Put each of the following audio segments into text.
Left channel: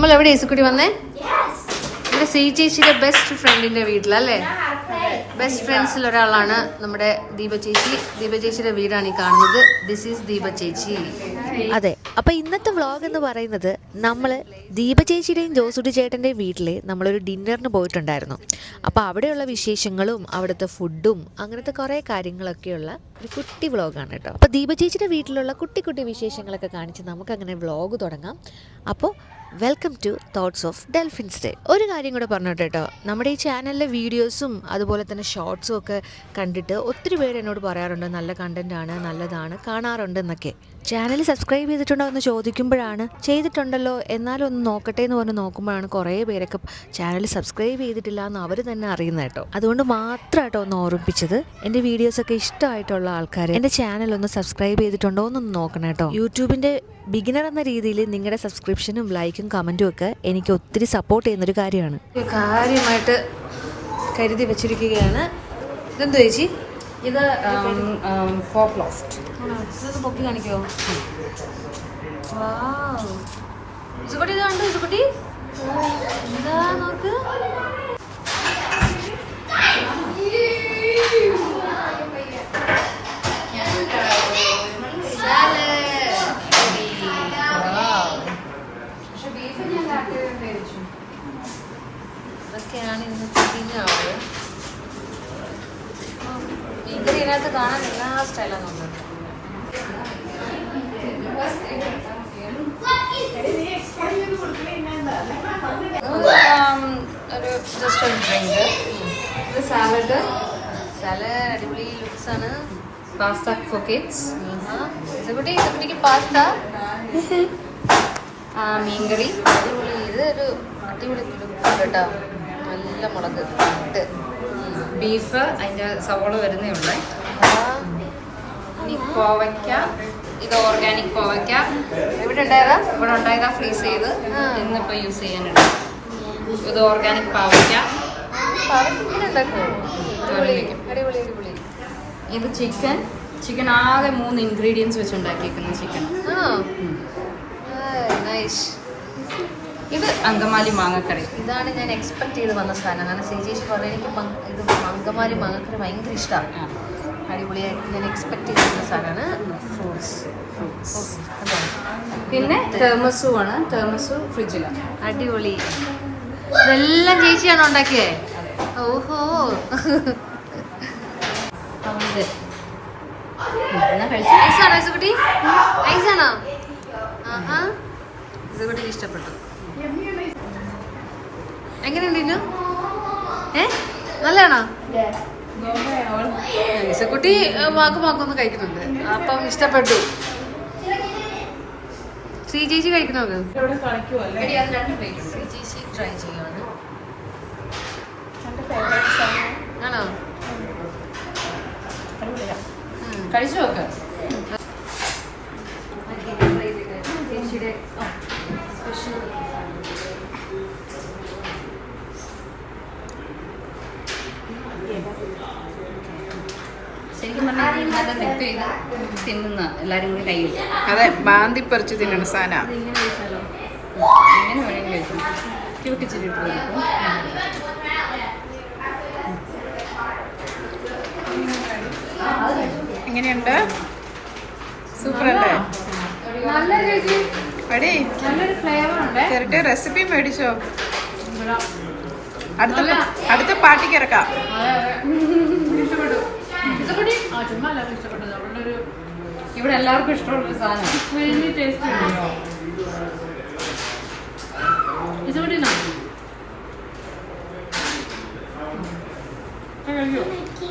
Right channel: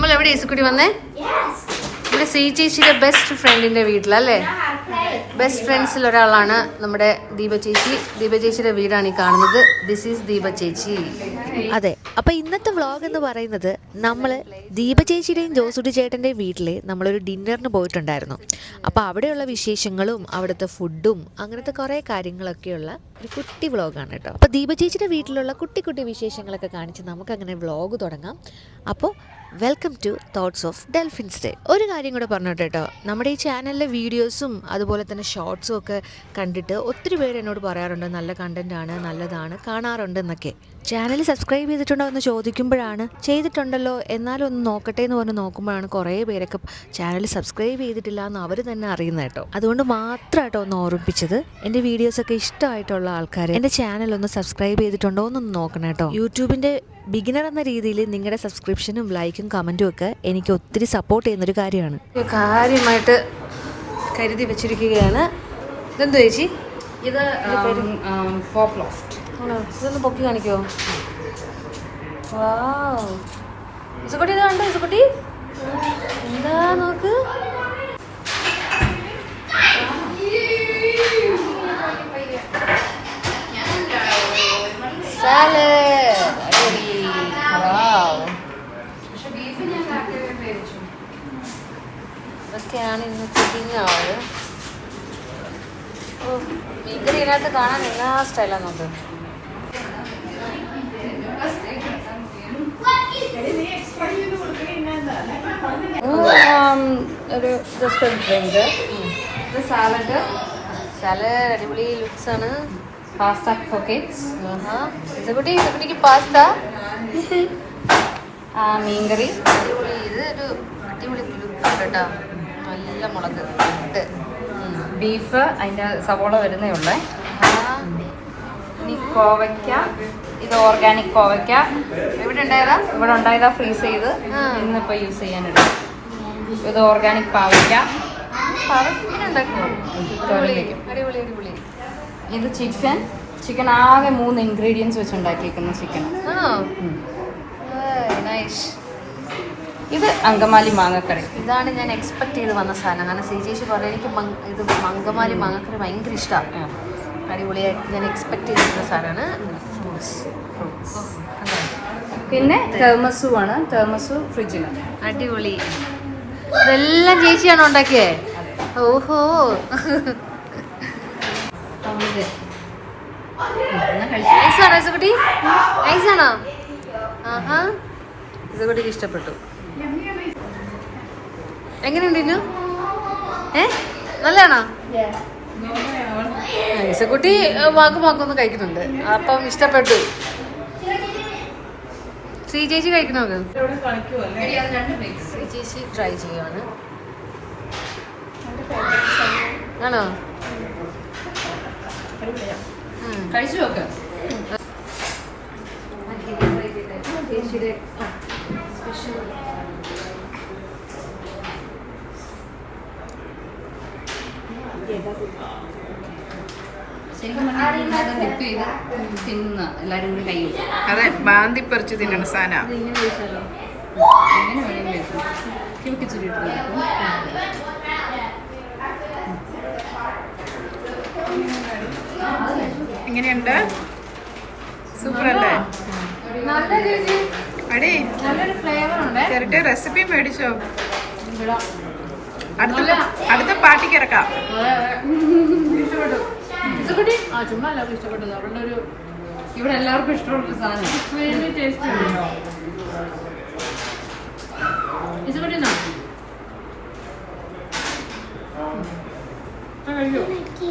നമ്മൾ എവിടെ ഇസുക്കുട്ടി വന്നേ? ഇവിടെ സി ചേച്ചിയുടെ ബെസ്റ്റ് ഫ്രണ്ടിന്റെ വീട്ടിലല്ലേ? ബെസ്റ്റ് ഫ്രണ്ട്സിൽ ഒരാളാണ് നമ്മുടെ ദീപ ചേച്ചി. ദീപ ചേച്ചിയുടെ വീടാണ് ഈ കാണുന്നത്. ദിസ് ഈസ് ദീപ ചേച്ചി. അതെ, അപ്പൊ ഇന്നത്തെ വ്ളോഗ് എന്ന് പറയുന്നത് നമ്മള് ദീപ ചേച്ചിയുടെയും ജോസുട്ടി ചേട്ടന്റെയും വീട്ടില് നമ്മളൊരു ഡിന്നറിന് പോയിട്ടുണ്ടായിരുന്നു. അപ്പൊ അവിടെയുള്ള വിശേഷങ്ങളും അവിടുത്തെ ഫുഡും അങ്ങനത്തെ കുറെ കാര്യങ്ങളൊക്കെയുള്ള ഒരു കുട്ടി വ്ളോഗാണ് കേട്ടോ. അപ്പൊ ദീപ ചേച്ചിയുടെ വീട്ടിലുള്ള കുട്ടി കുട്ടി വിശേഷങ്ങളൊക്കെ കാണിച്ച് നമുക്ക് അങ്ങനെ വ്ളോഗ് തുടങ്ങാം. അപ്പോൾ welcome to thoughts of Delphin's day. ഒരു കാര്യം കൂടെ പറഞ്ഞോട്ടെ കേട്ടോ, നമ്മുടെ ഈ ചാനലിലെ വീഡിയോസും അതുപോലെ തന്നെ ഷോർട്സും ഒക്കെ കണ്ടിട്ട് ഒത്തിരി പേര് എന്നോട് പറയാറുണ്ട് നല്ല കണ്ടന്റ് ആണ്, നല്ലതാണ്, കാണാറുണ്ടെന്നൊക്കെ. ചാനൽ സബ്സ്ക്രൈബ് ചെയ്തിട്ടുണ്ടോ എന്ന് ചോദിക്കുമ്പോഴാണ് ചെയ്തിട്ടുണ്ടല്ലോ എന്നാലും ഒന്ന് നോക്കട്ടെ എന്ന് പറഞ്ഞ് നോക്കുമ്പോഴാണ് കുറേ പേരൊക്കെ ചാനൽ സബ്സ്ക്രൈബ് ചെയ്തിട്ടില്ല എന്ന് അവർ തന്നെ അറിയുന്നത് കേട്ടോ. അതുകൊണ്ട് മാത്രമായിട്ടോ ഒന്ന് ഓർമ്മിപ്പിച്ചത്. എൻ്റെ വീഡിയോസൊക്കെ ഇഷ്ടമായിട്ടുള്ള ആൾക്കാർ എൻ്റെ ചാനൽ ഒന്ന് സബ്സ്ക്രൈബ് ചെയ്തിട്ടുണ്ടോ എന്നൊന്ന് നോക്കണം കേട്ടോ. യൂട്യൂബിൻ്റെ ബിഗിനർ എന്ന രീതിയിൽ നിങ്ങളുടെ സബ്സ്ക്രിപ്ഷനും ലൈക്കും കമൻറ്റും ഒക്കെ എനിക്ക് ഒത്തിരി സപ്പോർട്ട് ചെയ്യുന്നൊരു കാര്യമാണ്. കാര്യമായിട്ട് കരുതി വെച്ചിരിക്കുകയാണ്. ഇതെന്ത് ചേച്ചി? ഇത് ഇതൊന്ന് പൊക്കി കാണിക്കോ? ഇസുകുട്ടി ഇത് കണ്ടോ? ഇസുകുട്ടി എന്താ നോക്ക്. ഇതൊക്കെയാണ് ഇന്നത്തെ ഡിന്നർ. ഇതിനകത്ത് കാണാൻ എല്ലാ സ്റ്റൈലാണ് നോക്കുന്നത്. ഒരു ജസ്റ്റ് ഒരു ബ്രെഡ്, സാലഡ് അടിപൊളി ലുക്സ് ആണ്. പാസ്ത പോക്കറ്റ്സ്, ഇസുകുട്ടിക്ക് പാസ്ത, മീൻകറി. ഇതൊരു അടിപൊളി ലുക്ക് കേട്ടോ. നല്ല മുളക്, ബീഫ്, അതിൻ്റെ സവോള വരുന്നേ ഉള്ളൂ. കോവയ്ക്ക, ഇത് ഓർഗാനിക് കോവയ്ക്ക. ഇവിടെ ഉണ്ടായതാ? ഇവിടെ ഉണ്ടായതാ, ഫ്രീസ് ചെയ്ത് ഇന്നിപ്പോൾ യൂസ് ചെയ്യാനുണ്ട്. ഇത് ഓർഗാനിക് പാവയ്ക്ക. അടിപൊളി. ഇത് ചിക്കൻ ആകെ 3 ഇൻഗ്രീഡിയൻസ് വെച്ച് ഉണ്ടാക്കിയേക്കുന്ന ചിക്കൻ. ഇത് അങ്കമാലി മാങ്ങക്കറി. ഇതാണ് ഞാൻ എക്സ്പെക്ട് ചെയ്ത് വന്ന സാധനം. കാരണം ചേച്ചി പറഞ്ഞു എനിക്ക് ഇത് അങ്കമാലി മാങ്ങക്കറി ഭയങ്കര ഇഷ്ടമാണ്. അടിപൊളിയായി ഞാൻ എക്സ്പെക്ട് ചെയ്തിരുന്ന സാധനമാണ്. പിന്നെ തെർമസു ആണ്. തെർമസു ഫ്രിഡ്ജിലാണ്. അടിപൊളി. ഇതെല്ലാം ചേച്ചിയാണോ ഉണ്ടാക്കിയേ? ഓഹോ. ഐസാണോ ഇസുകുട്ടി? ഐസാണോ? ആഹാ, ഇസുകുട്ടിക്ക് ഇഷ്ടപ്പെട്ടു. എങ്ങനെയുണ്ട് ഇന്നു? നല്ലതാണോ? ഇസുകുട്ടി വാക്കുമാക്കൊന്ന് കഴിക്കുന്നുണ്ട്, അപ്പം ഇഷ്ടപ്പെട്ടു. ശ്രീ ചേച്ചി കഴിക്കണോ? ശ്രീ ചേച്ചി ട്രൈ ചെയ്യുവാണ്. ആണോ? കഴിച്ചു നോക്ക്. ചേച്ചിയുടെ ശരിക്കും പറഞ്ഞാൽ ഡിപ്പ് ചെയ്ത് തിന്നുന്ന എല്ലാവരും കൂടി കൈ വെക്കും. അതെ, മാന്തി പറിച്ച് തിന്നണ സാധനം. എങ്ങനെ വേണമെങ്കിലും കഴിക്കും. ക്യൂട്ടിച്ചിട്ട് എങ്ങനെയുണ്ട്? സൂപ്പർ അല്ലേ? അടി നല്ലൊരു ഫ്ലേവർ ഉണ്ട്. ചെറുട്ട് റെസിപ്പി മേടിച്ചോ? അടുത്ത പാർട്ടിക്ക് ഇറക്കാം. ചുമ്മാ എല്ലാവർക്കും ഇഷ്ടപ്പെട്ടത്. അവളുടെ ഒരു ഇവിടെ എല്ലാവർക്കും ഇഷ്ടമുള്ള സാധനം.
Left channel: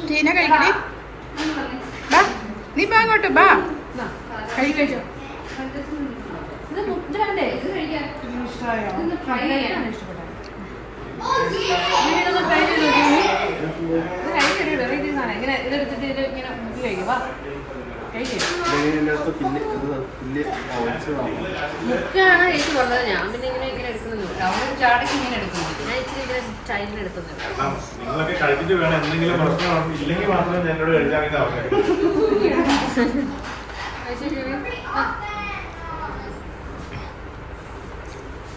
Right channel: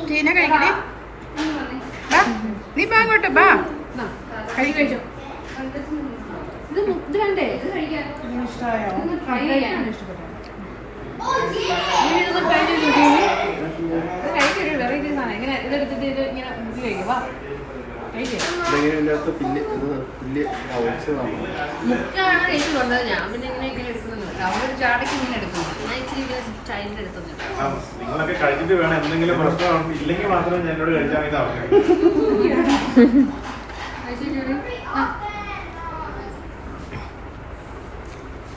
ടീന കഴിക്കണേ. ബാ, നീ ബാ അങ്ങോട്ട് ബാ. കഴിക്കോ? ഇത് വേണ്ടേ? ഇത് കഴിക്കാൻ ഇഷ്ടമായോ? ഇഷ്ടപ്പെട്ടോ? വെറൈറ്റി സാധനം. ഇങ്ങനെ ഇതെടുത്തിട്ട് ഇത് ഇങ്ങനെ മുക്കി കഴിക്കുക. മുക്കാണ് ചേച്ചി പറഞ്ഞത്. ഞാൻ പിന്നെ ഇങ്ങനെ എടുക്കുന്നുണ്ട്. നമ്മളൊരു ചാടക്ക് ഇങ്ങനെ എടുക്കുന്നു. ഞാൻ ഇച്ചിരി ഇങ്ങനെ ടൈമിൽ എടുക്കുന്നുണ്ട്. നിങ്ങളൊക്കെ കഴിച്ചിട്ട് വേണം എന്തെങ്കിലും പ്രശ്നം ഇല്ലെങ്കിൽ മാത്രമേ ഞങ്ങളോട് കഴിച്ചാൽ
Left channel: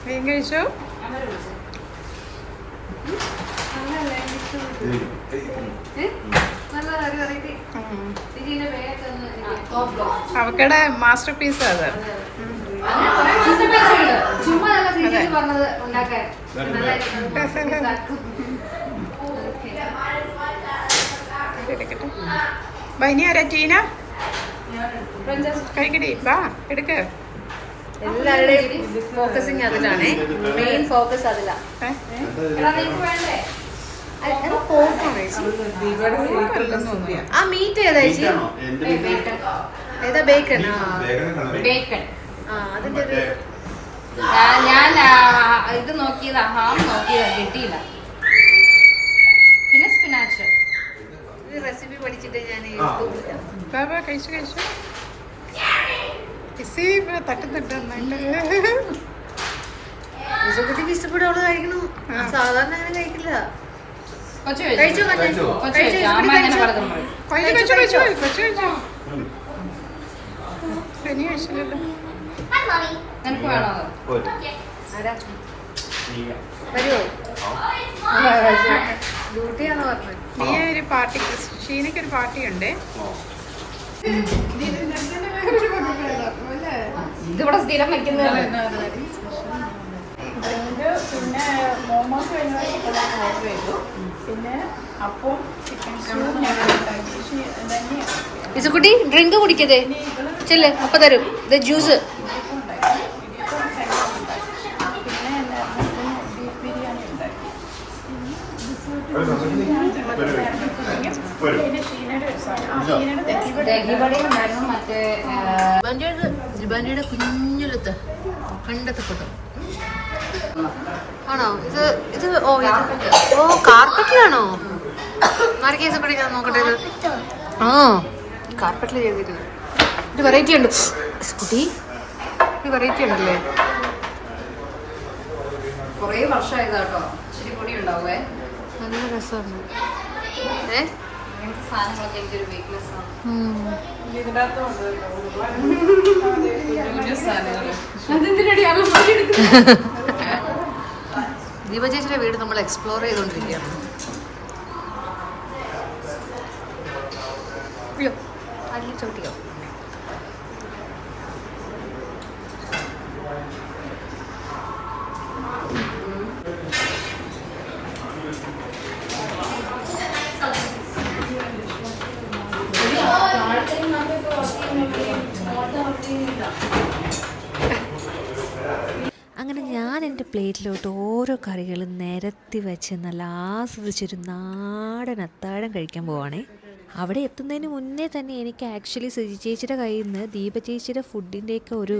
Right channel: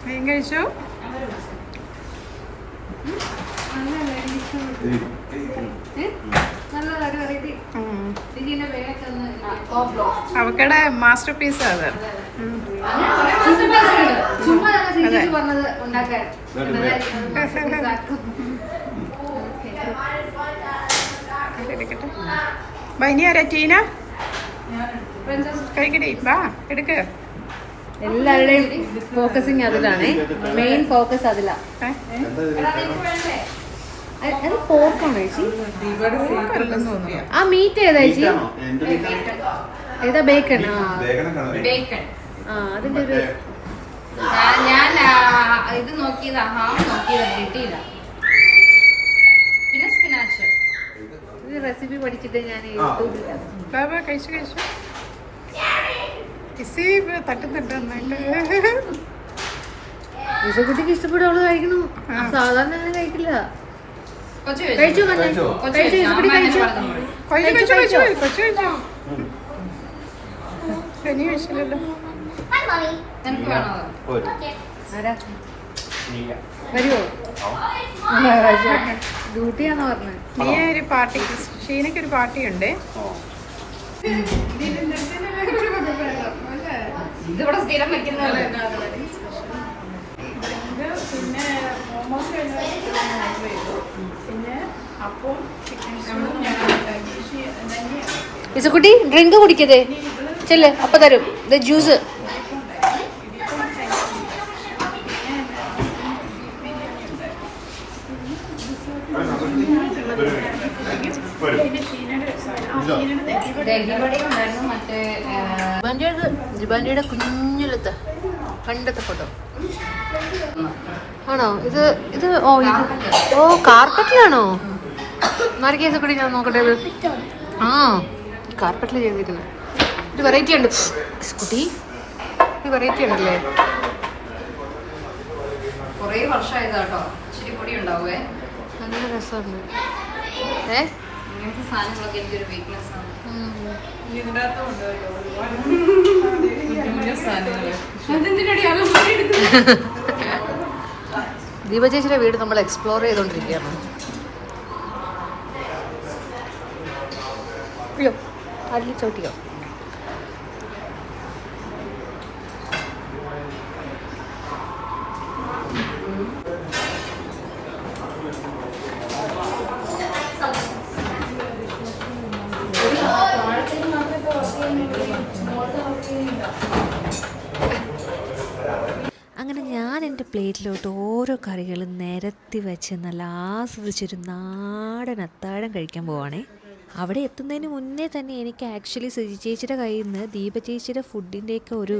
മീൻ കഴിച്ചു. അവക്കടെ മാസ്റ്റർ പീസ് അത്. എടുക്കട്ടെ. ഇനി ആരാ? ടീന കഴിക്കടി. വാ എടുക്ക്. എല്ലാവരുടെയും ഫോക്കസിങ് അതിലാണ്. മെയിൻ ഫോക്കസ് അതിലാ. ആ മീറ്റ് ഏതാ ചേച്ചി? ഏതാ? ബേക്കൺ. ബേക്കൺ. അതിന്റെ ഒരു ഞാൻ ഇത് നോക്കിയതാ, ഹാം നോക്കിയതാ, കിട്ടിയില്ല. പിന്നെ സ്പിനാച്ച് റെസിപ്പി പഠിച്ചിട്ട് ഞാൻ ബാബാ കഴിച്ചു കഴിച്ചു. ഇസി തട്ടുന്നുണ്ട് നന്നായിട്ട്. കുട്ടിക്ക് ഇഷ്ടപ്പെട്ട അവള് കഴിക്കുന്നു. സാധാരണ അങ്ങനെ കഴിക്കില്ല. കൊച്ചു കഴിച്ചു കഴിച്ചു. കഴിച്ചു കഴിച്ചു കൊച്ചു കഴിച്ചു. ഇനി കഴിച്ചില്ലല്ലോ. നിനക്ക് വേണോ? വരുമോ? ഡ്യൂട്ടിയാണോ പറഞ്ഞത്? നീ ഒരു പാർട്ടി, ഷീനയ്ക്കൊരു പാർട്ടിയുണ്ട്. ഇതിവിടെ സ്ഥിരം വെക്കുന്നത്. പിന്നെ മോമോസ് പിന്നെ അപ്പം ഇസുകുട്ടി ഡ്രിങ്ക് കുടിക്കതേ ചെല്ല്, അപ്പൊ തരും ഇത് ജ്യൂസ്. ജിബാൻഡിയുടെ കുഞ്ഞിലത്തെ പണ്ടത്തെ ഫോട്ടോ ആണോ ഇത്? ഇത് കാർപ്പറ്റിലാണോ? മാർക്കേസ് കൂടി ഞാൻ നോക്കട്ടെ. ഇത് കാർപ്പറ്റിൽ ചെയ്തിരിക്കുന്നത്. ഇത് വെറൈറ്റി ഉണ്ട് കുട്ടി, ഇത് വെറൈറ്റി ഉണ്ടല്ലേ. കൊറേ വർഷമായതാട്ടോ. ഇച്ചിരി പൊടി ഉണ്ടാവേ. നല്ല രസമുണ്ട്. അങ്ങനത്തെ സാധനങ്ങളൊക്കെ എനിക്കൊരു വീക്ക്നെസ് ആണ്. ദീപ ചേച്ചിയുടെ വീട് നമ്മൾ എക്സ്പ്ലോർ ചെയ്തോണ്ടിരിക്കുകയാണ്. അയ്യോ അല്ലി ചോട്ടിയോ. അങ്ങനെ ഞാൻ എൻ്റെ പ്ലേറ്റിലോട്ട് ഓരോ കറികളും നിരത്തി വെച്ച് നല്ല ആസ്വദിച്ചൊരു നാടൻ അത്താഴം കഴിക്കാൻ പോവാണേ. അവിടെ എത്തുന്നതിന് മുന്നേ തന്നെ എനിക്ക് ആക്ച്വലി സുജി ചേച്ചിയുടെ കയ്യിൽ നിന്ന് ദീപ ചേച്ചിയുടെ ഫുഡിൻ്റെയൊക്കെ ഒരു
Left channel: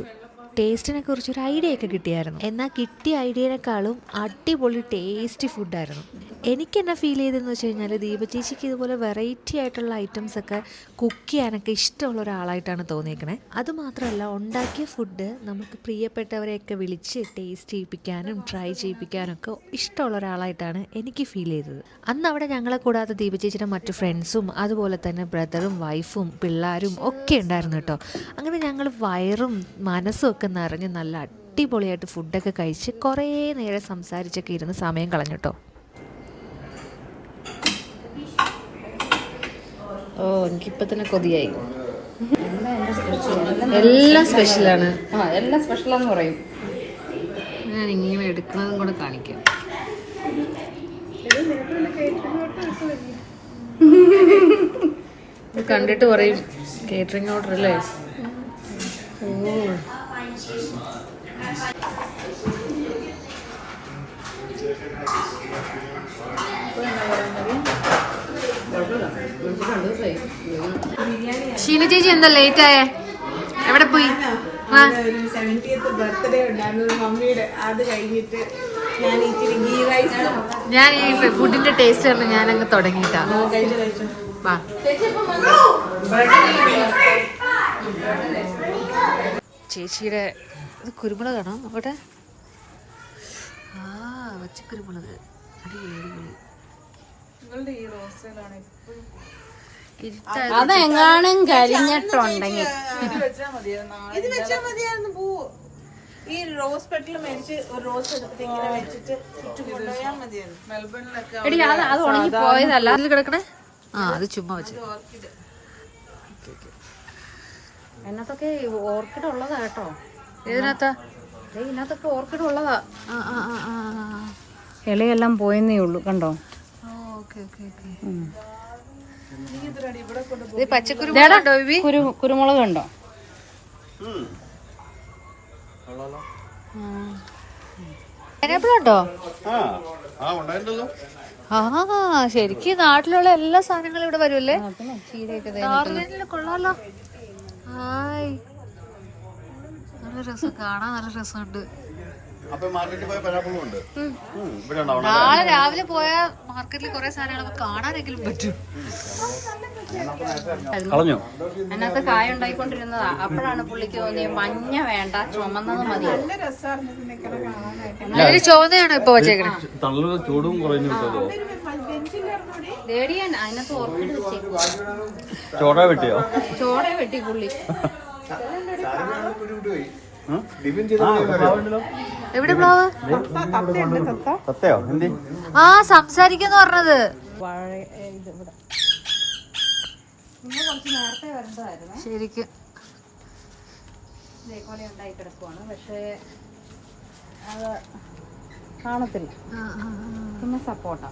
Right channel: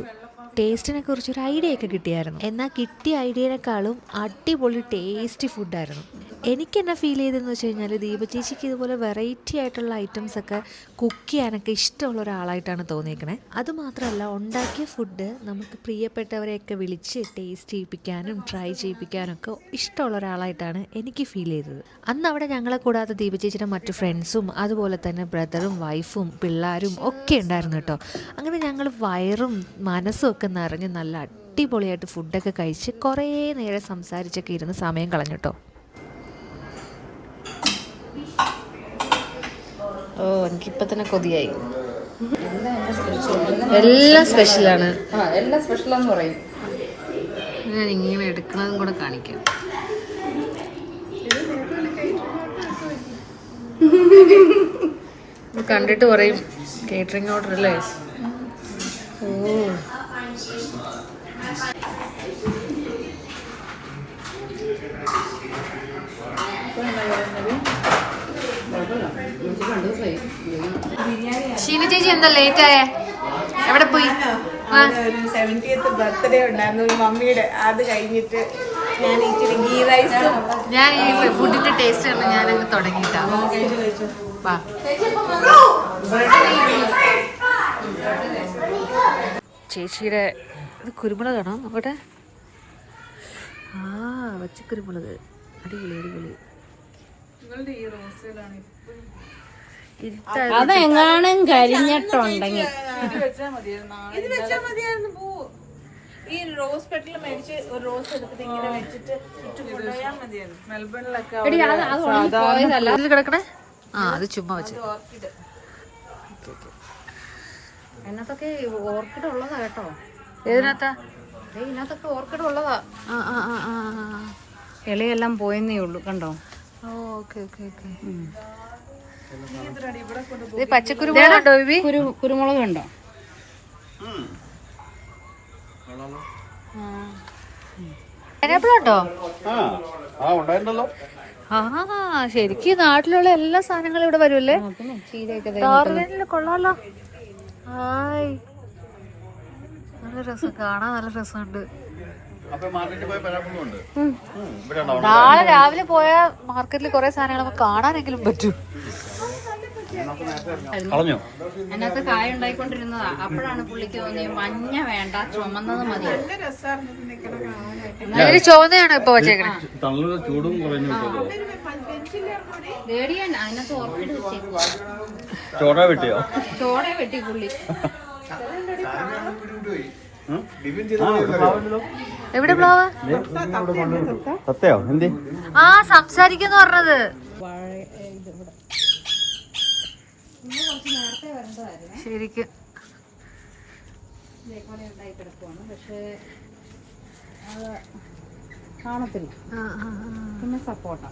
ടേസ്റ്റിനെ കുറിച്ചൊരു ഐഡിയ ഒക്കെ കിട്ടിയായിരുന്നു. എന്നാൽ കിട്ടിയ ഐഡിയനേക്കാളും അടിപൊളി ടേസ്റ്റി ഫുഡായിരുന്നു. എനിക്ക് എന്നാ ഫീൽ ചെയ്തതെന്ന് വെച്ച് കഴിഞ്ഞാൽ ദീപ ചേച്ചിക്ക് ഇതുപോലെ വെറൈറ്റി ആയിട്ടുള്ള ഐറ്റംസൊക്കെ കുക്ക് ചെയ്യാനൊക്കെ ഇഷ്ടമുള്ള ഒരാളായിട്ടാണ് തോന്നിയേക്കണേ. അതുമാത്രമല്ല ഉണ്ടാക്കിയ ഫുഡ് നമുക്ക് പ്രിയപ്പെട്ടവരെയൊക്കെ വിളിച്ച് ടേസ്റ്റ് ചെയ്യിപ്പിക്കാനും ട്രൈ ചെയ്യിപ്പിക്കാനും ഒക്കെ ഇഷ്ടമുള്ള ഒരാളായിട്ടാണ് എനിക്ക് ഫീൽ ചെയ്തത്. അന്ന് അവിടെ ഞങ്ങളെ കൂടാതെ ദീപ ചേച്ചിയുടെ മറ്റു ഫ്രണ്ട്സും അതുപോലെ തന്നെ ബ്രദറും വൈഫും പിള്ളേരും ഒക്കെ ഉണ്ടായിരുന്നു കേട്ടോ. അങ്ങനെ ഞങ്ങൾ വയറും മനസ്സും ഒക്കെ നിറഞ്ഞ് നല്ല അടിപൊളിയായിട്ട് ഫുഡൊക്കെ കഴിച്ച് കുറേ നേരം സംസാരിച്ചൊക്കെ ഇരുന്ന് സമയം കളഞ്ഞു കേട്ടോ. എനിക്കിപ്പോ തന്നെ കൊതിയായി. എല്ലാം സ്പെഷ്യലാണ്. എല്ലാം സ്പെഷ്യലാന്ന് പറയും. ഞാൻ ഇങ്ങനെ എടുക്കുന്നതും കൂടെ കാണിക്കാം. കണ്ടിട്ട് പറയും കേറ്ററിംഗ് ഓർഡർ അല്ലേ. ഷീന ചേച്ചി എന്താ ലേറ്റ് ആയേ? എവിടെ പോയി? ഒരു 70th ബർത്ത്ഡേ ഉണ്ടായിരുന്നു മമ്മിയുടെ. അത് കഴിഞ്ഞിട്ട് ഞാൻ ഇച്ചിരി ഗീ റൈസും ഞാൻ ഈ ഫുഡിന്റെ ടേസ്റ്റ് കണ്ട് ഞാനങ്ങ് തുടങ്ങിയിട്ടാ. വാ ചേച്ചിയുടെ ഇത് കുരുമുളകാണോ നോക്കട്ടെ. വച്ച കുരുമുളക് അടിപൊളി അടിപൊളി. അതെങ്ങാനും കരിഞ്ഞിട്ടുണ്ടെങ്കിൽ ഇത് വെച്ചാൽ മതിയായിരുന്നു. ഈ റോസ് റോസ് പെട്ടിൽ മേടിച്ച് ഒരു റോസ് എടുത്തിട്ട് ഇങ്ങനെ വെച്ചിട്ട് ചുറ്റും കൊണ്ടുപോയാൽ മതിയായിരുന്നു. മെൽബണിലൊക്കെ എടി അത് ഉണങ്ങി പോയതല്ല. ഇത് കിടക്കണേ. ആ അത് ചുമ്മാ വെച്ച്. ഓർക്കിഡ്. എന്നത്തൊക്കെ ഓർക്കിഡ് ഉള്ളതാ കേട്ടോ. ഏതിനകത്താ? ഇതിനകത്തൊക്കെ ഓർക്കിഡ് ഉള്ളതാ. ആ ആ ആ ആ. ഇലയെല്ലാം പോയെന്നേ ഉള്ളൂ കണ്ടോ. Okay okay okay. ഇത് പച്ചക്കുരുമുളക് ഉണ്ടോ ബേബി? കുരുമുളക് ഉണ്ടോ? പൈനാപ്പിൾ ഉണ്ടോ? ഉണ്ടായിരുന്നല്ലോ. ആ ശരിക്കും നാട്ടിലുള്ള എല്ലാ സാധനങ്ങളും ഇവിടെ വരുമല്ലേ? ഡാർവിനിൽ കൊള്ളാലോ. ഹായ്, നല്ല രസം കാണാൻ, നല്ല രസമുണ്ട്. നാളെ രാവിലെ പോയാ മാർക്കറ്റിൽ കുറെ സാധനങ്ങൾ നമുക്ക് കാണാനെങ്കിലും പറ്റും. അതിനകത്ത് കായ ഉണ്ടായിക്കൊണ്ടിരുന്നതാ. അപ്പോഴാണ് പുള്ളിക്ക് തോന്നിയ മഞ്ഞ വേണ്ട, ചുമന്നത് മതി. അതിന് ചുവന്നയാണോ ഇപ്പൊ വെച്ചേക്കണേ? ചൂടും കുറഞ്ഞു. അതിനകത്ത് ഓർക്കിഡ് വെച്ചേക്കുവാ. ചോട വെട്ടിയോ? ചോട വെട്ടി പുള്ളി. എവിടെ പ്ലാവ്? സത്യോ? എന്തി? ആ സംസാരിക്കുന്നു പറഞ്ഞത്. കുറച്ച് നേരത്തെ വരേണ്ടതായിരുന്നു. ശരിക്കും ഇതേപോലെ ഉണ്ടായി കിടക്കുവാണ്. പക്ഷേ അത് കാണത്തില്ല. പിന്നെ സപ്പോട്ട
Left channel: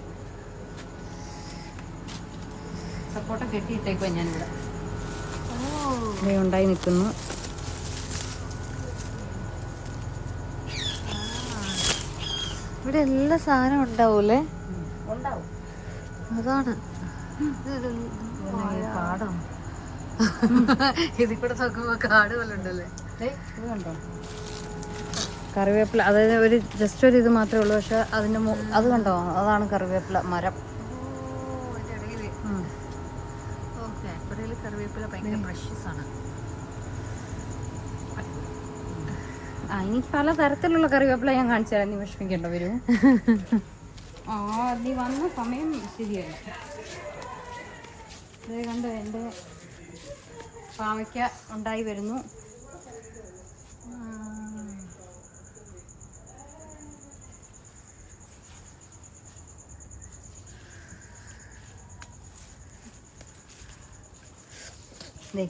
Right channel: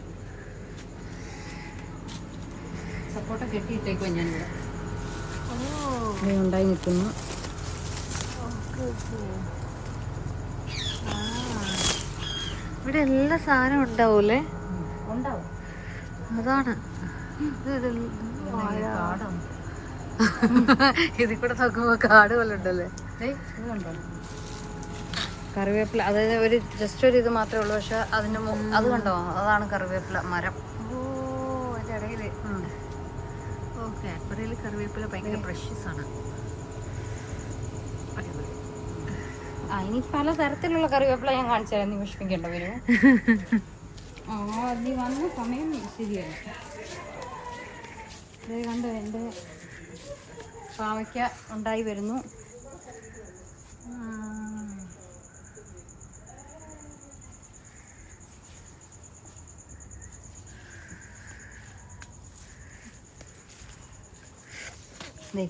കെട്ടിയിട്ടേക്കുവാ ഞാനിവിടെ. ഉണ്ടായി നിൽക്കുന്നു. ഇവിടെ എല്ലാ സാധനവും ഉണ്ടാവൂലേ? ഉണ്ടാവും. അതാണ് ഇതിൽ കൂടെ നോക്കുമ്പോ കാട് പോലെ ഉണ്ടല്ലേ. കറിവേപ്പില, അതായത് ഒരു ജസ്റ്റ് ഒരു ഇത് മാത്രമേ ഉള്ളൂ. പക്ഷെ അതിന് അത് കണ്ടോ, അതാണ് കറിവേപ്പില മരം. ഓ അതിന്റെ ഇടയില്. ഓക്കെ, ഇടയിൽ കറിവേപ്പില ഭയങ്കര പ്രഷ്യസ് ആണ്. ഇനി പല തരത്തിലുള്ള കറിവേപ്പില ഞാൻ കാണിച്ചാൽ നീ വിഷമിക്കേണ്ട വരും. നീ വന്ന സമയം ശരിയല്ല. ഇത് കണ്ട് എൻ്റെ പാവയ്ക്ക ഉണ്ടായി വരുന്നു.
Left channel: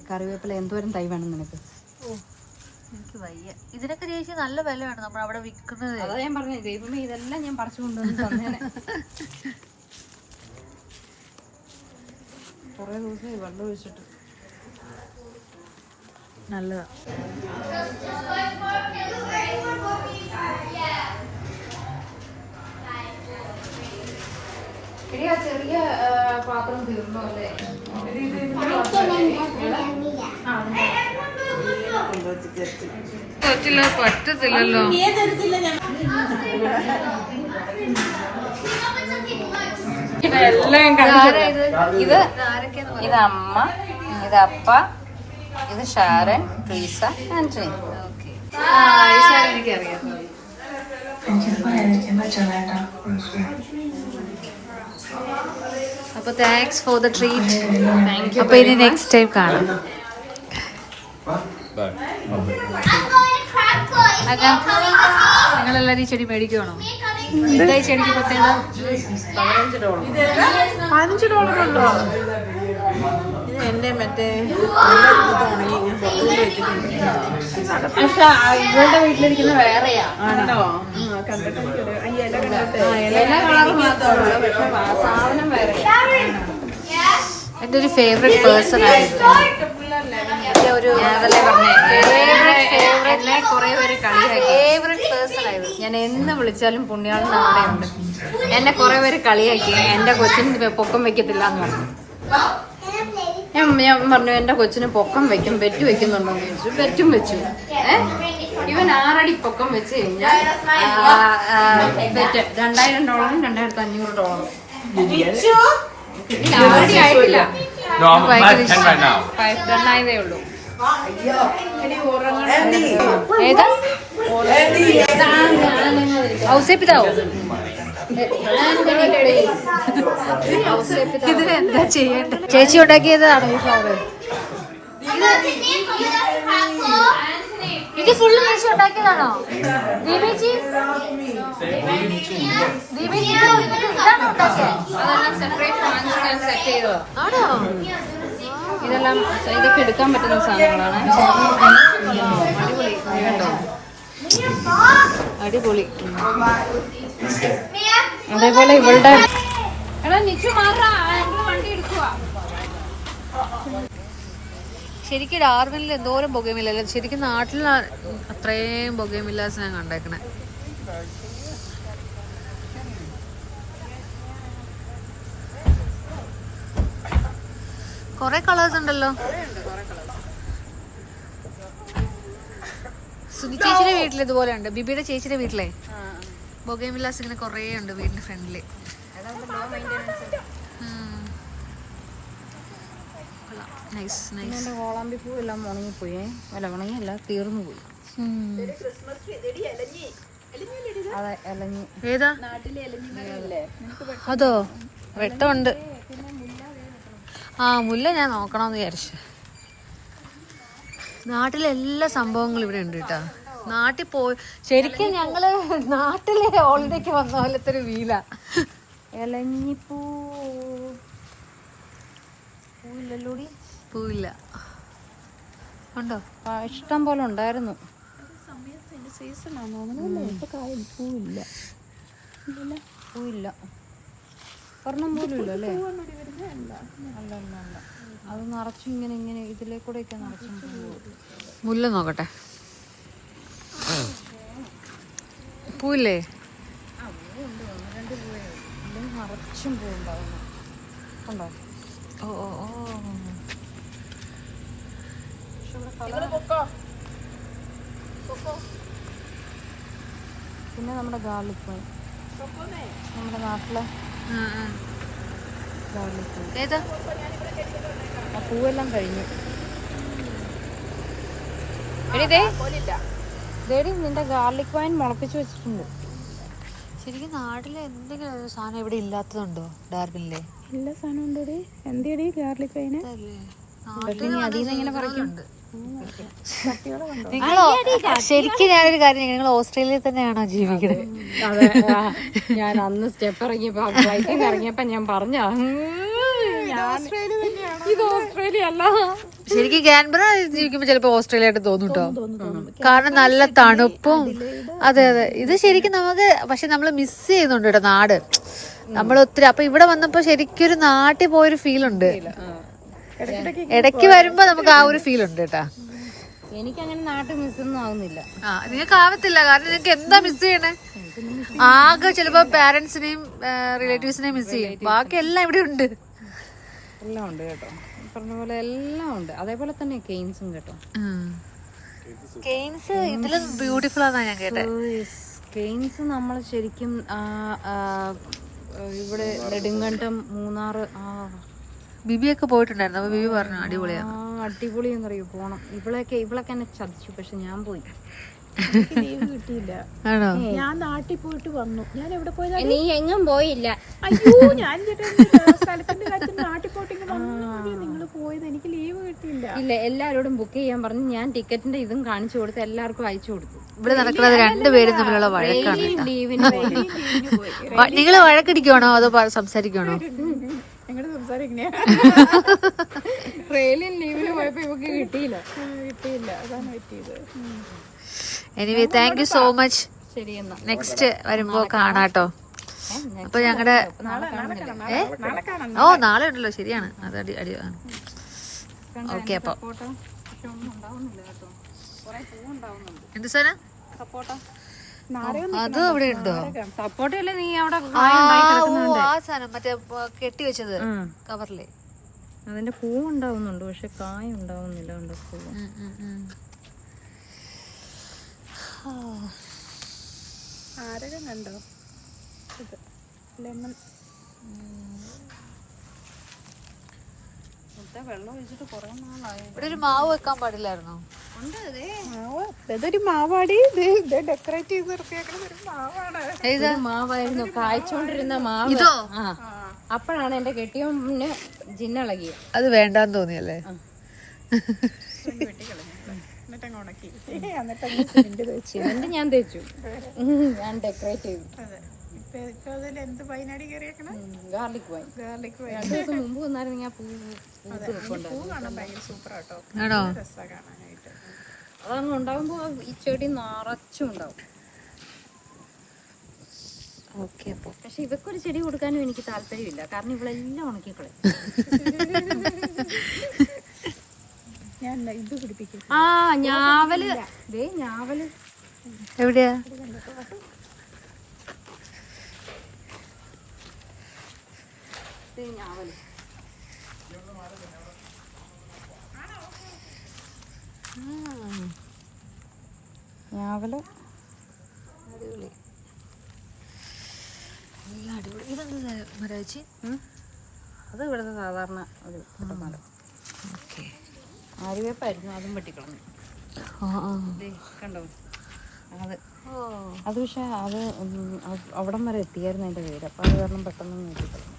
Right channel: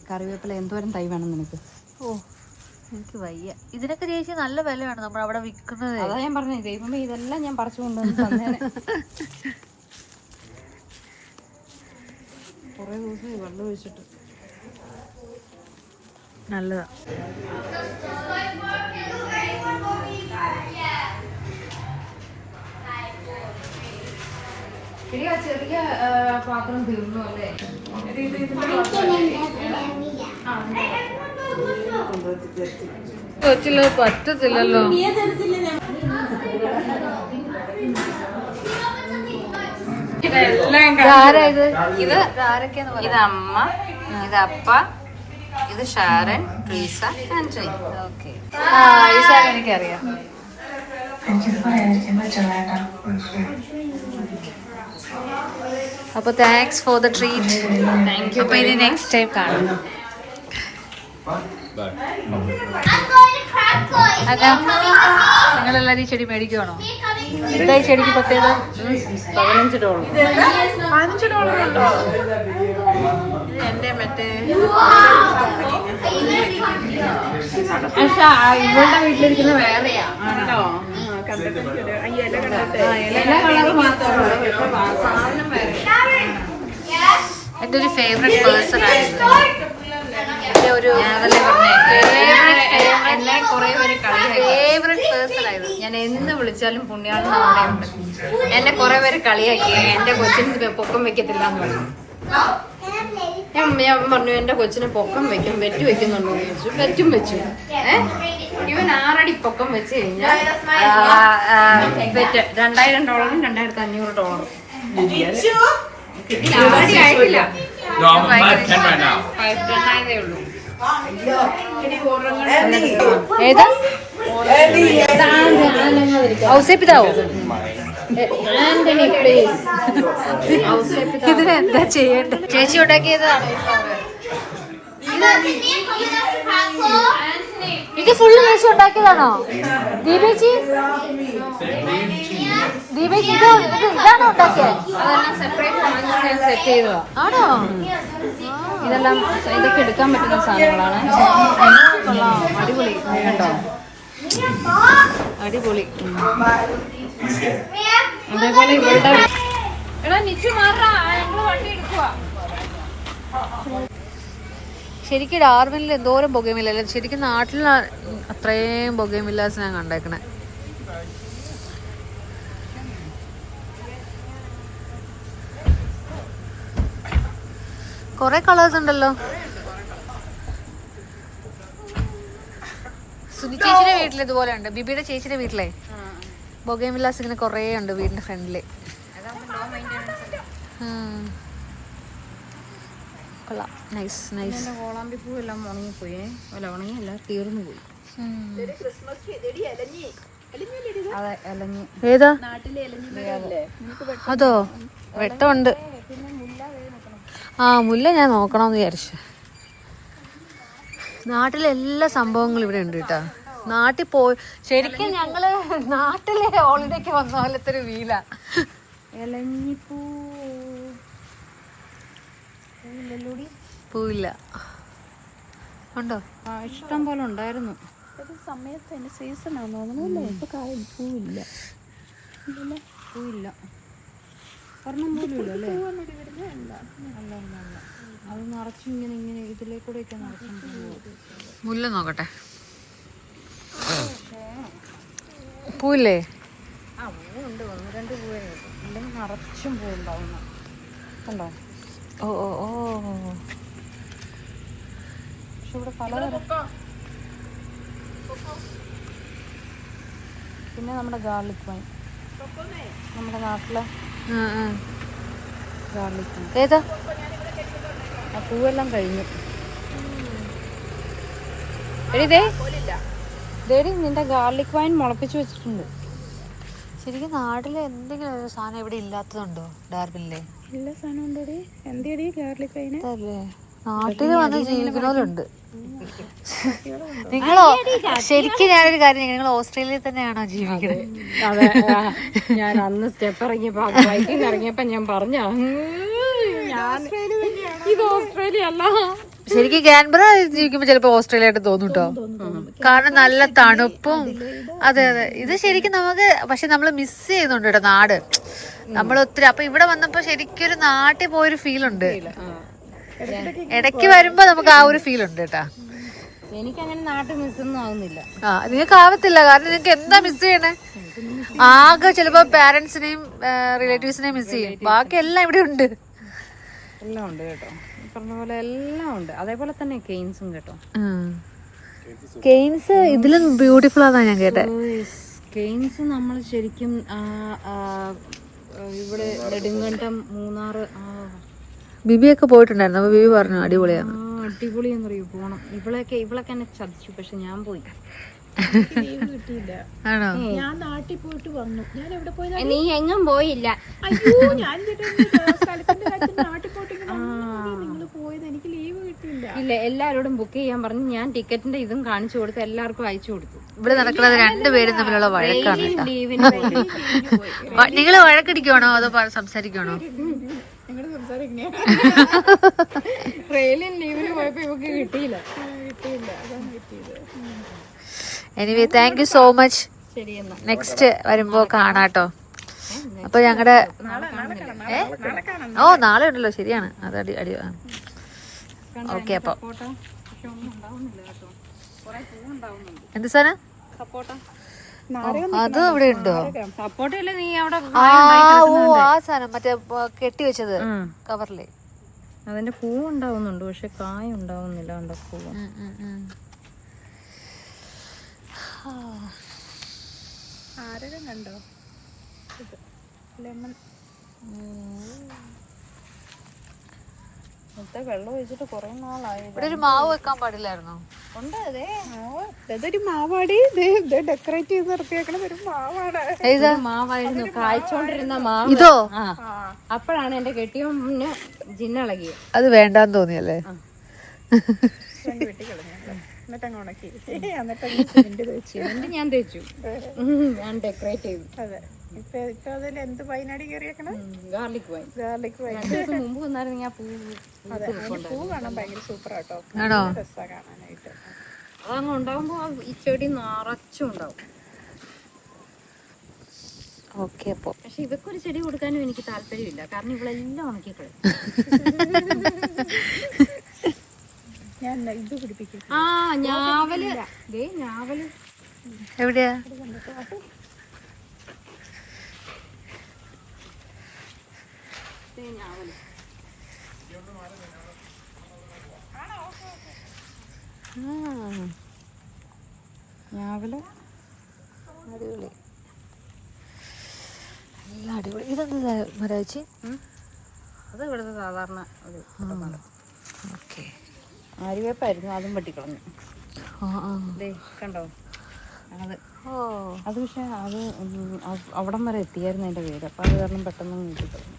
കറിവേപ്പില എന്തോരം തൈ വേണം നിനക്ക്? ഓ എനിക്ക് വയ്യ. ഇതിനൊക്കെ ചേച്ചി നല്ല വിലയാണ് നമ്മൾ അവിടെ വിൽക്കുന്നത്. അതാ ഞാൻ പറഞ്ഞത്, ദൈവമേ ഇതെല്ലാം ഞാൻ പറിച്ചു കൊണ്ടുവന്നു. കുറേ ദിവസമായി വെള്ളം ഒഴിച്ചിട്ട്. നല്ലതാ. ചെറിയ പാത്രം തീർന്നു അല്ലേ? കൊച്ചില് പറ്റത്തില്ലല്ലോ. ഇത് അമ്മ, ഇത് അപ്പ, ഇത് ഷാരൻ, ട്രീസ, ആന്റണി. ഓക്കെ, ഈ സാരി എനിക്കറിയാം. അപ്പൊ താങ്ക്സ് ഫോർ ദ ട്രീറ്റ്. അപ്പൊ ഇനി നെക്സ്റ്റ് ടൈം കാണാം. അതാ നിങ്ങളെല്ലാരും ഈ ചെടി മേടിക്കുവാണോ? എന്താ ഈ ചെടിക്ക് പ്രത്യേകത? $15. എന്റെ മറ്റേ പക്ഷെ ഇവളുടെ വീട്ടിലിരിക്കുന്ന വേറെയാ. കണ്ടിട്ട് ഇല കണ്ടിട്ട് എല്ലാ കളറ് മാത്രമേ ഉള്ളൂ. പക്ഷെ സാധനം വേറെ. എൻ്റെ ഒരു ഫേവറേറ്റ് പേഴ്സൺ ആയിരുന്നു. എൻ്റെ ഒരു ഫേവറേറ്റ് പേഴ്സൺ ആയിരുന്നു. ഞാൻ എന്ന് വിളിച്ചാലും പുണ്യാളി എന്നെ കുറെ പേര് കളിയാക്കി. എന്റെ കൊച്ചിന് പൊക്കം വെക്കത്തില്ല എന്ന് പറഞ്ഞു. ഞാൻ പറഞ്ഞു എന്റെ കൊച്ചിന് പൊക്കം വെക്കും, വെറ്റ് വെക്കുന്നുണ്ടോ എന്ന് ചോദിച്ചു. വെറ്റും വെച്ചു. ഇവൻ 6 അടി പൊക്കം വെച്ച് കഴിഞ്ഞാൽ വെറ്റ് $2000 $2500 കിട്ടില്ല. 6 അടി ആയിട്ടില്ല. 2000 ഉള്ളൂ. ഏതാ ഔസേപ്പിതാവോ? ഇതിനെന്താ ചെയ്യണ്ട? ചേച്ചി ഉണ്ടാക്കിയത് ഇത് ഫുള്ള് മേശ ഉണ്ടാക്കിയതാണോ ദീപേച്ചി? ദീപേച്ചി ഇതാണോ ഉണ്ടാക്കിയത്? സെറ്റ് ചെയ്തോ ആണോ? ഇതെല്ലാം ഇതൊക്കെ എടുക്കാൻ പറ്റുന്ന സാധനങ്ങളാണ്. അടിപൊളി കേട്ടോ, അടിപൊളി. അതേപോലെ ഇവളുടെ ശരിക്കും ഡാർവിനിൽ എന്തോരം ബൊഗേമില്ല, ശരിക്കും നാട്ടിൽ അത്രയും ബൊഗേമില്ലാസ് ഞാൻ കണ്ടേക്കണേ. കൊറേ കളേഴ്സ് ഉണ്ടല്ലോ. സുനി ചേച്ചിയുടെ വീട്ടിൽ ഇതുപോലെ ഉണ്ട്. ബിബിയുടെ ചേച്ചിയുടെ വീട്ടിലെ ബൊഗേമില്ലാസ് ഇങ്ങനെ കൊറേ ഉണ്ട് വീടിന്റെ ഫ്രണ്ടില്. കൊള്ളാം, നൈസ് നൈസ്. കോളാമ്പി പൂ എല്ലാം ഉണങ്ങിപ്പോയി. അല്ല ഉണങ്ങിയല്ല, തീർന്നു പോയി. ഏതാ അതോ? വെട്ടമുണ്ട്. ആ മുല്ല ഞാൻ നോക്കണമെന്ന് വിചാരിച്ചു. നാട്ടിലെ എല്ലാ സംഭവങ്ങളും ഇവിടെ ഉണ്ട് കേട്ടാ. നാട്ടിൽ പോയി ശരിക്കും ഞങ്ങള് നാട്ടിലെ ഹോളിഡേക്ക് വന്ന പോലത്തെ ഒരു വീല. ഇലഞ്ഞിപ്പൂ പൂവില്ല, ഉണ്ടോ? ഇഷ്ടം പോലെ ഉണ്ടായിരുന്നു. പൂവില്ല, പൂവില്ല, ഒരെണ്ണം പോലും ഇല്ല അല്ലേ? അല്ല അല്ല അല്ല, അത് നിറച്ചും ഇങ്ങനെ ഇങ്ങനെ ഇതിലേക്കൂടെയൊക്കെ നിറച്ചും പൂവ്. മുല്ല നോക്കട്ടെ, പൂവില്ലേ? നിറച്ചും പൂവുണ്ടാവും. കണ്ടോ? ഓ ഓ ഓ, പക്ഷെ ഇവിടെ പല പിന്നെ നമ്മുടെ ഗാർലിക് പൂ, നമ്മുടെ നാട്ടിലെ ഗാർലിക് പൂ. ഏതാ? ആ പൂവെല്ലാം കഴിഞ്ഞു. ഡേഡി നിന്റെ ഗാർലിക് വൈൻ മുളപ്പിച്ചു വെച്ചിട്ടുണ്ട്. ശരിക്കും നാട്ടിലെ എന്തെങ്കിലും ഒരു സാധനം ഇവിടെ ഇല്ലാത്തതുണ്ടോ ഡാർബിനിലെ? എല്ലാ സാധനം ഉണ്ടോ? എന്തിയടി ഗാർലിക് വൈന്? നാട്ടിൽ വന്ന് ജീവിക്കുന്നവരുണ്ട്. നിങ്ങൾ ശരിക്കും ഞാനൊരു കാര്യം, നിങ്ങൾ ഓസ്ട്രേലിയയിൽ തന്നെയാണോ ജീവിക്കുന്നത്? അതെ, ഞാൻ അന്ന് സ്റ്റെപ്പ് ഇറങ്ങിയപ്പോ ബൈക്കിൽ ഇറങ്ങിയപ്പോ ഞാൻ പറഞ്ഞ ഇത് ഓസ്ട്രേലിയ അല്ല. ശരിക്കും ക്യാൻബറ ജീവിക്കുമ്പോ ചിലപ്പോ ഓസ്ട്രേലിയ ആയിട്ട് തോന്നും കേട്ടോ, കാരണം നല്ല തണുപ്പും. അതെ അതെ, ഇത് ശരിക്കും നമുക്ക്, പക്ഷെ നമ്മള് മിസ് ചെയ്യുന്നുണ്ട് കേട്ടോ നാട് നമ്മൾ ഒത്തിരി. അപ്പൊ ഇവിടെ വന്നപ്പോ ശരിക്കും ഒരു നാട്ടിൽ പോയൊരു ഫീൽ ഉണ്ട്. ഇടയ്ക്ക് വരുമ്പോ നമുക്ക് ആ ഒരു ഫീൽ ഉണ്ട് കേട്ടാ. എനിക്കങ്ങനെ നാട്ടിൽ മിസ്സൊന്നും ആവുന്നില്ല. ആ നിങ്ങൾക്ക് ആവത്തില്ല, കാരണം നിങ്ങൾക്ക് എന്താ മിസ് ചെയ്യണേ? ആകെ ചിലപ്പോ പാരന്റ്സിനെയും റിലേറ്റീവ്സിനെയും മിസ് ചെയ്യും, ബാക്കി എല്ലാം ഇവിടെ ഉണ്ട്. എല്ലാം ഉണ്ട് കേട്ടോ, പറഞ്ഞ പോലെ എല്ലാം ഉണ്ട്. അതേപോലെ തന്നെ കെയിൻസും കേട്ടോ. കെയിൻസ് ഇതിലും ബ്യൂട്ടിഫുൾ ആണെന്നാ ഞാൻ കേട്ടത്. കെയിൻസ് നമ്മൾ ശരിക്കും ഇവിടെ നെടുങ്കണ്ടം, മൂന്നാറ്, ബിബിയൊക്കെ പോയിട്ടുണ്ടായിരുന്നു. അപ്പൊ ബിബി പറഞ്ഞു അടിപൊളിയാണ്. അടിപൊളി എന്നറിയൂ, പോണം. ഇവളൊക്കെ എന്നെ ചതിച്ചു, പക്ഷെ ഞാൻ പോയി. കിട്ടിയില്ല. ആണോ? ഞാൻ നാട്ടിൽ പോയിട്ട് വന്നു. ഞാൻ എവിടെ പോയതാ? നീ എങ്ങും പോയില്ല. അയ്യോ, ഞാൻ സ്ഥലത്തിന്റെ കാര്യത്തിൽ നാട്ടിൽ പോയിട്ട് നിങ്ങൾ പോയത്, എനിക്ക് ലീവ് കിട്ടിയില്ല. ഇല്ല, എല്ലാരോടും ബുക്ക് ചെയ്യാൻ പറഞ്ഞു. ഞാൻ ടിക്കറ്റിന്റെ ഇതും കാണിച്ചു കൊടുത്ത് എല്ലാവർക്കും അയച്ചു കൊടുത്തു. ഇവിടെ നടക്കുന്നത് രണ്ടുപേരും തമ്മിലുള്ള വഴക്കാണ് കേട്ടോ. ലീവിന് നിങ്ങള് വഴക്കടിക്കുവാണോ അതോ സംസാരിക്കുവാണോ? റെയിലിൻ ലീവിന് പോയപ്പോ ഇവക്ക് കിട്ടിയില്ല. അതാണ് കിട്ടിയത്. Anyway thank you so much. ശരി എന്നാ, നെക്സ്റ്റ് വരുമ്പോ കാണാട്ടോ. അപ്പൊ ഞങ്ങളുടെ ഓ നാളെ ഉണ്ടല്ലോ, ശരിയാണ്. അത് അടി ഓക്കെ. അപ്പൊ എന്ത് സാധനം? അത് അവിടെ ഉണ്ടോ? സപ്പോർട്ടല്ലേ നീ അവിടെ? ആ സാധനം മറ്റേ കെട്ടി വെച്ചത് കവറില്. അതിന്റെ പൂ ഉണ്ടാവുന്നുണ്ട്, പക്ഷെ കായ ഉണ്ടാവുന്നില്ല. അതിന്റെ പൂ ആരകം കണ്ടോ? ലെമൺ വെള്ളം ഒഴിച്ചിട്ട് കുറെ നാളായി. ഇവിടെ ഒരു മാവ് വെക്കാൻ പാടില്ലായിരുന്നോ? ഇതൊരു മാവാടി, ഡെക്കറേറ്റ് ചെയ്ത് നിർത്തിയേക്കണ ഒരു മാവാണ്. ഏതാ മാവായിരുന്നു കായ്ച്ചോണ്ടിരുന്ന മാവ്. ഇതോ? അപ്പോഴാണ് എന്റെ ജിന്നളകിയത്. അത് വേണ്ടാന്ന് തോന്നിയല്ലേ? എന്നിട്ട് ഉണക്കി എന്നിട്ട് ഞാൻ തേച്ചു, ഞാൻ ഡെക്കറേറ്റ് ചെയ്തു. അതെ. ഇപ്പൊ അതിൽ എന്ത് വൈനാടി കയറിയേക്കണം? Garlic wine. Garlic wine. 2 ദിവസം മുമ്പ് വന്നായിരുന്നു ഞാൻ പൂ പൂ കാണാൻ ഭയങ്കര സൂപ്പർ ആട്ടോ. ആണോ? രസാ കാണാനായിട്ട്. അതങ്ങ് ഉണ്ടാവുമ്പോ ഈ ചെടി നിറച്ചും ഉണ്ടാവും. ഓക്കെ. അപ്പൊ പക്ഷെ ഇവക്കൊരു ചെടി കൊടുക്കാനും എനിക്ക് താല്പര്യമില്ല, കാരണം ഇവളെല്ലാം ഉണക്കിക്കളയും. ഞാൻ ഇത് പിടിപ്പിക്കും. ആ ഞാവല്, ഞാവല് എവിടെയാ? ഞാവല് ഞാവല് അടിപൊളി, നല്ല അടിപൊളി. ഇതെന്താ മരാച്ചി? അത് ഇവിടുത്തെ സാധാരണ ഒരു ഓക്കെ. ആര്യവേപ്പായിരുന്നു, അതും വെട്ടിക്കളഞ്ഞു. കണ്ടോ അത്? അത് പക്ഷെ അത് അവിടം വരെ എത്തിയായിരുന്നു എൻ്റെ വീട്, അപ്പൊ അത് കാരണം പെട്ടെന്ന് നീട്ടിക്കളഞ്ഞു.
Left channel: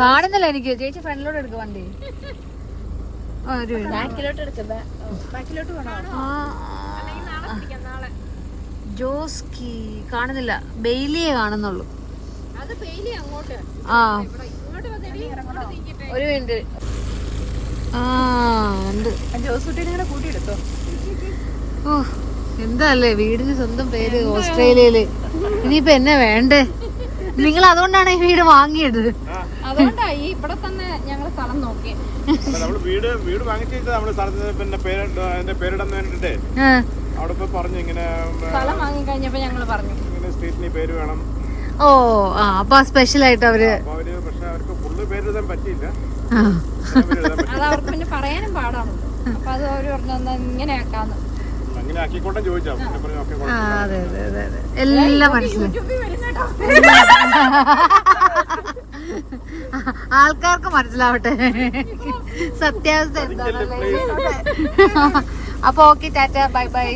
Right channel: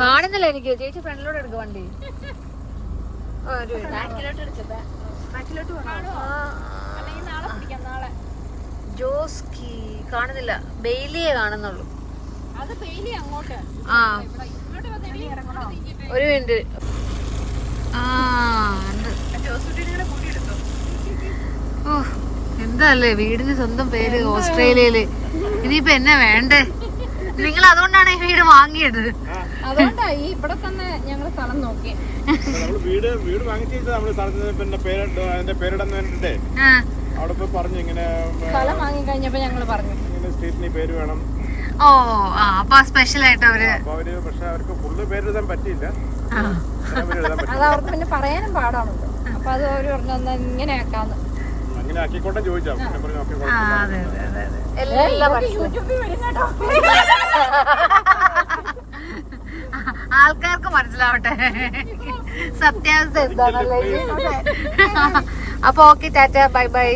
കാണുന്നില്ല എനിക്ക്. ചേച്ചി ഫ്രണ്ടിലോട്ട് എടുക്കും വണ്ടി. ജോസ്കി കാണുന്നില്ല, ബെയിലിയെ കാണുന്നുള്ളൂ. ആ ഒരു മിനിറ്റ്. ആ ഉണ്ട്. ഓ എന്താല്ലേ വീടിന് സ്വന്തം പേര് ഓസ്ട്രേലിയയില്. ഇനിയിപ്പോ എന്നെ വേണ്ടേ? നിങ്ങൾ അതുകൊണ്ടാണ് ഈ വീട് വാങ്ങിയത്. അതുകൊണ്ടാ ഈ ഇവിടെ തന്നെ ഞങ്ങള് സ്ഥലം നോക്കി. നമ്മള് വീട് വാങ്ങിച്ചിട്ട് നമ്മള് സ്ഥലത്തിന് പിന്നെ അതിന്റെ പേരിടാൻ വേണ്ടിട്ടേ അവിടെ പോയി പറഞ്ഞു ഇങ്ങനെ സ്ഥലം വാങ്ങി കഴിഞ്ഞപ്പോ ഞങ്ങള് പറഞ്ഞു ഇങ്ങനെ സ്ട്രീറ്റിന് പേര് വേണം. ഓ ആ അപ്പൊ സ്പെഷ്യൽ ആയിട്ട് അവര് പക്ഷെ അവർക്ക് ഫുള്ള് പേരെഴുതാൻ പറ്റിയില്ല. അത് അവർക്ക് പിന്നെ പറയാനും പാടാണല്ലോ. അപ്പൊ അത് അവര് പറഞ്ഞു ഇങ്ങനെ ആക്കാന്ന്. അങ്ങനെ ആക്കിക്കോട്ടെ ചോദിച്ചാ പറഞ്ഞു. ഓക്കെ, അതെ അതെ അതെ എല്ലാം ആൾക്കാർക്ക് മനസ്സിലാവട്ടെ സത്യാവസ്ഥ എന്താണല്ലേ. അപ്പൊ ഓക്കെ, ടാറ്റ, ബൈ ബൈ.